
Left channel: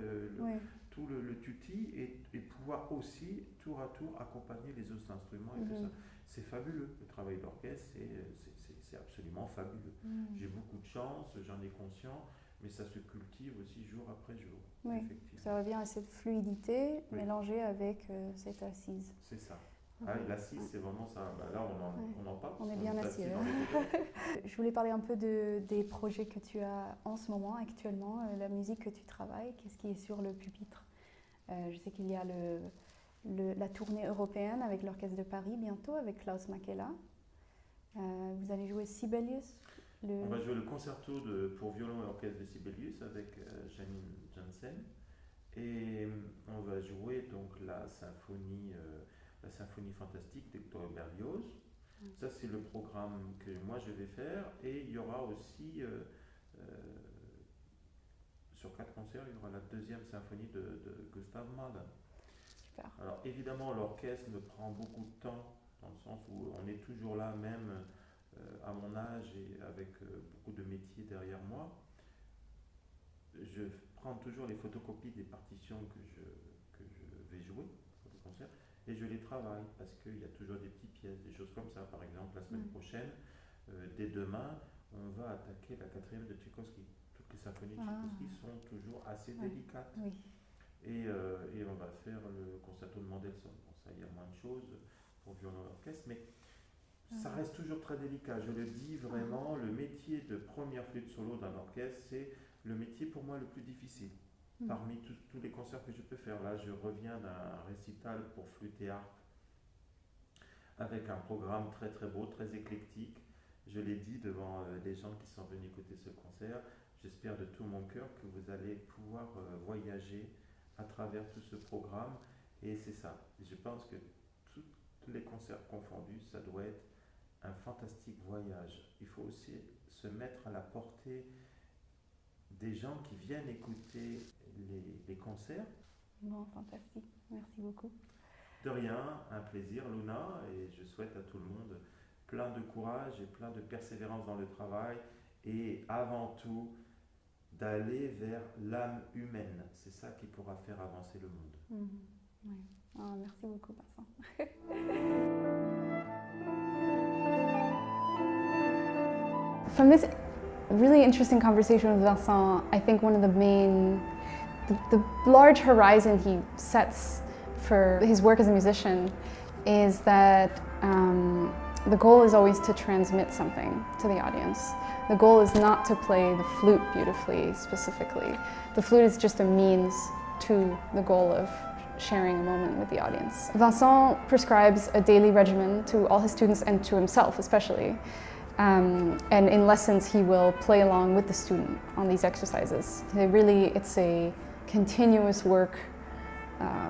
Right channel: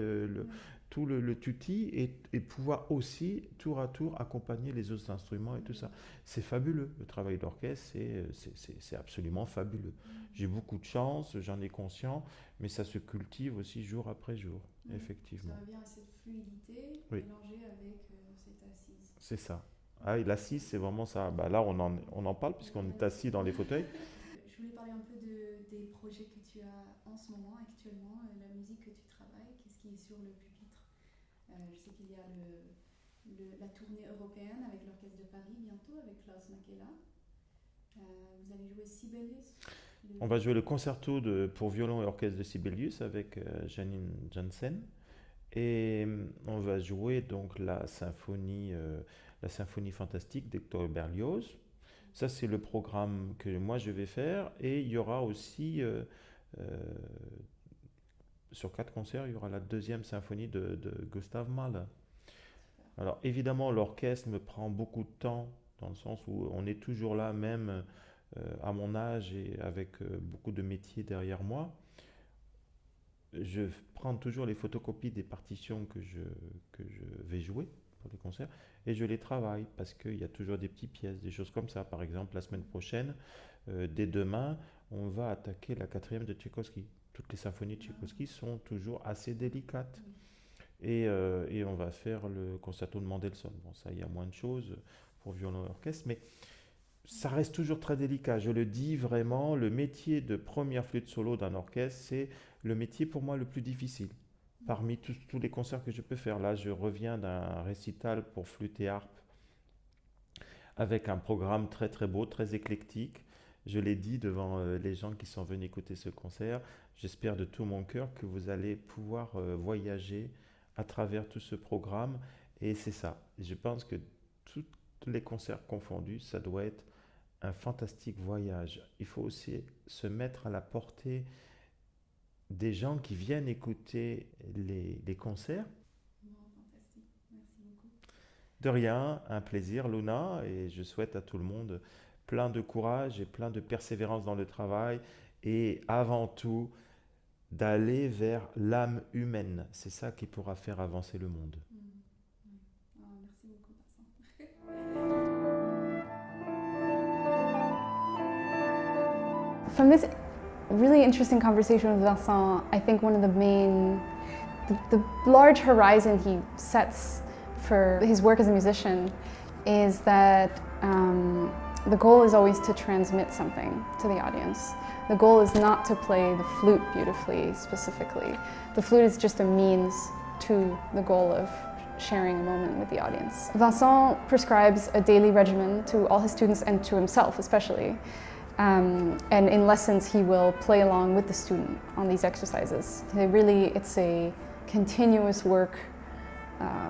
tout le tutti et pouvoir aussi, tour à tour, accompagner les autres instruments et tout ça. C'est fabuleux, le travail d'orchestre, c'est absolument fabuleux. J'ai beaucoup de chance, j'en ai conscience, mais ça se cultive aussi jour après jour, effectivement. Ça revient à cette fluidité mélangée avec cette assise. C'est ça. Ah, et l'assise, c'est vraiment ça. Là, on en parle puisqu'on est assis dans les fauteuils. Je voulais parler un peu des projets que tu as en ce moment, actuellement, la musique que tu travailles, qu'est-ce qui est sur le pupitre. Je sais qu'il y a la tournée européenne avec l'Orchestre de Paris bientôt, avec Klaus Makela. Vous allez jouer Sibelius. On va jouer le concerto pour violon et orchestre de Sibelius avec Janine Jansen. Et on va jouer donc la symphonie fantastique d'Hector Berlioz. Ça, c'est le programme que moi je vais faire. Et il y aura aussi, sur 4 concerts, il y aura la deuxième symphonie de Gustav Mahler. Super. Alors évidemment, l'orchestre me prend beaucoup de temps, dans le sens où on est toujours là, même à mon âge et avec beaucoup de métiers derrière moi. Je prends toujours les photocopies des partitions que je vais jouer pour les concerts et je les travaille parce qu'il y a toujours des petites pièces, des choses comme ça. Par exemple, la semaine prochaine, dès demain, on va attaquer la quatrième de Tchaïkovski. Toutes les symphonies de Tchaïkovski sont toujours assez délicates. Oui. Et on va faire le concerto de Mendelssohn. Bon, ça, il y a moins de choses pour violon et orchestre, mais ça reste toujours très délicat. Je le dis vraiment, le métier de première flûte solo d'un orchestre, c'est le métier pour moi le plus difficile. Parmi tous les concerts que je peux faire. Là, je reviens d'un récital pour flûte et harpe avec un programme très très beau, très éclectique. Je l'ai dit devant les gens qui sont venus écouter ce concert. J'espère de tout mon cœur que vous allez pouvoir voyager à travers tout ce programme. Et c'est ça. Je pense que tous les concerts confondus, ça doit être un fantastique voyage. Il faut aussi se mettre à la portée des gens qui viennent écouter les concerts. Bon, fantastique. Merci beaucoup. De rien, un plaisir, Luna, et je souhaite à tout le monde plein de courage et plein de persévérance dans le travail et avant tout d'aller vers l'âme humaine. C'est ça qui pourra faire avancer le monde. Oui. Oh, merci beaucoup, Vincent. From this really interesting conversation with Vincent, I think one of the large horizon he sets for his work as a musician is that the goal is always to transmit something to the audience. The goal is not to play the flute beautifully, specifically. The flute is just a means to the goal of sharing a moment with the audience. Vincent prescribes a daily regimen to all his students and to himself especially. And in lessons he will play along with the student on these exercises. It's a continuous work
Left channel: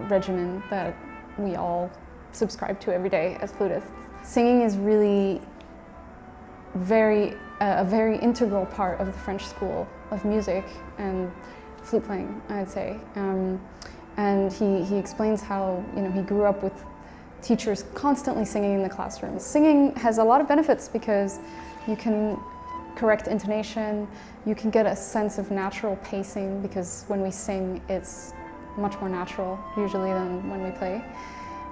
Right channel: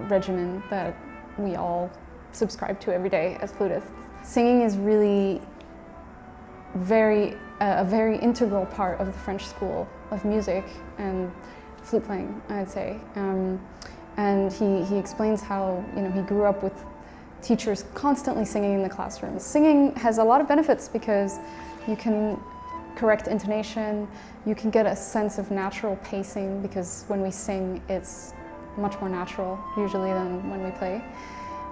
regimen that we all subscribe to every day as flutists. Singing is really a very integral part of the French school of music and flute playing, I'd say. And he explains how he grew up with teachers constantly singing in the classroom. Singing has a lot of benefits because you can correct intonation, you can get a sense of natural pacing because when we sing it's much more natural usually than when we play.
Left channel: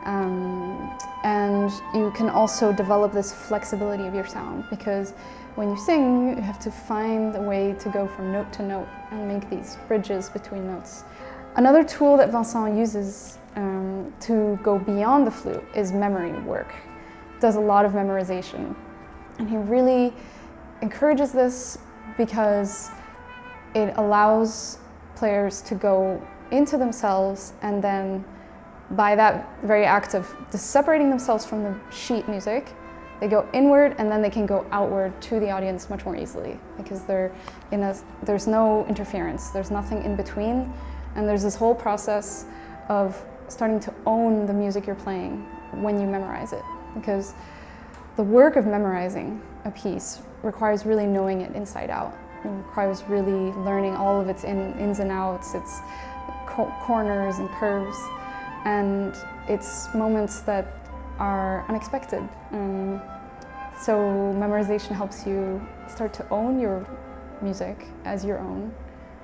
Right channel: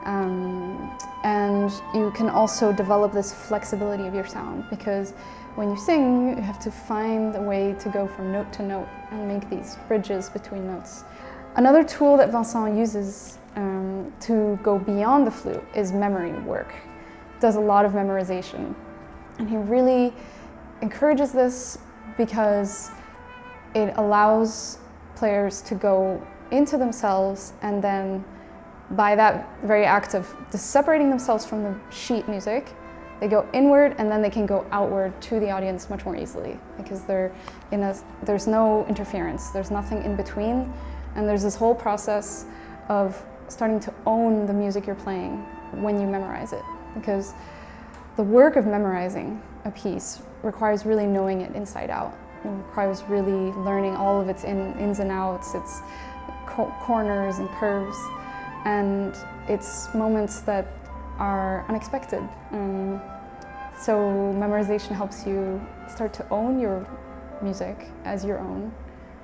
And you can also develop this flexibility of your sound because when you sing, you have to find a way to go from note to note and make these bridges between notes. Another tool that Vincent uses to go beyond the flute is memory work. Does a lot of memorization. And he really encourages this because it allows players to go into themselves and then by that very act of separating themselves from the sheet music, they go inward and then they can go outward to the audience much more easily because there's no interference, there's nothing in between, and there's this whole process of starting to own the music you're playing when you memorize it. Because the work of memorizing a piece requires really knowing it inside out. It requires really learning all of its ins and outs, its corners and curves. And it's moments that are unexpected. So memorization helps you start to own your music as your own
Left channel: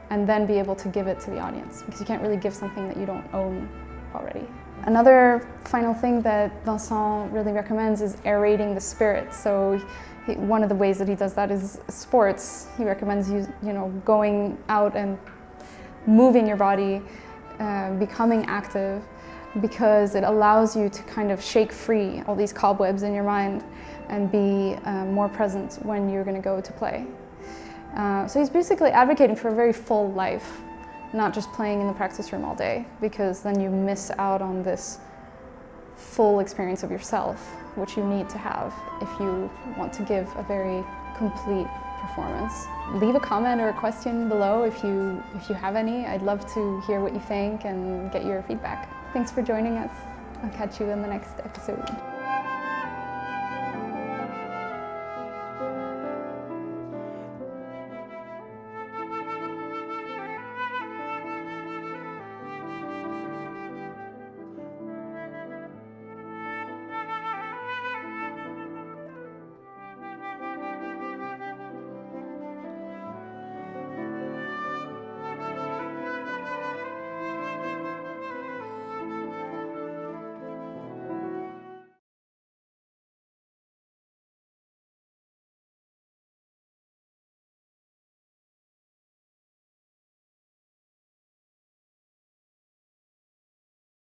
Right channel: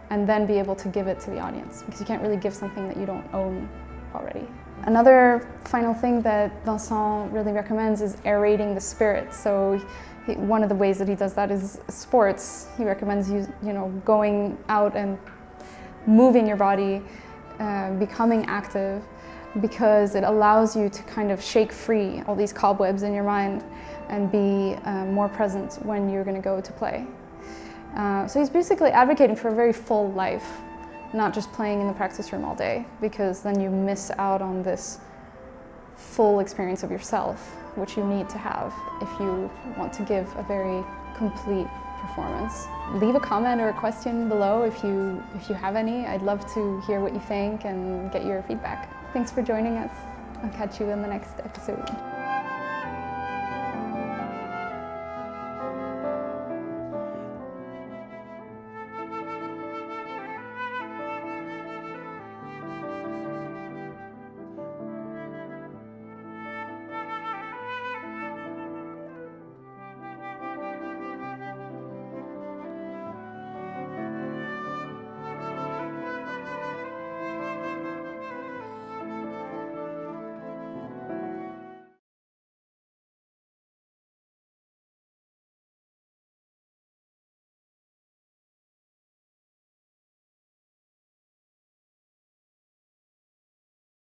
and then be able to give it to the audience because you can't really give something that you don't own already. Another final thing that Vincent really recommends is aerating the spirit. So one of the ways that he does that is sports. He recommends going out and moving your body, becoming active, because it allows you to kind of shake free all these cobwebs in your mind and be more present when you're going to go to play. So he's basically advocating for a very full life, not just playing in the practice room all day, because then you miss out on this full experience of yourself, which you need to have if you want to give a very complete performance. Leave a comment or a question below if you have any. I'd love to hear what you think and get your feedback. Thanks for joining us. I'll catch you in the next episode.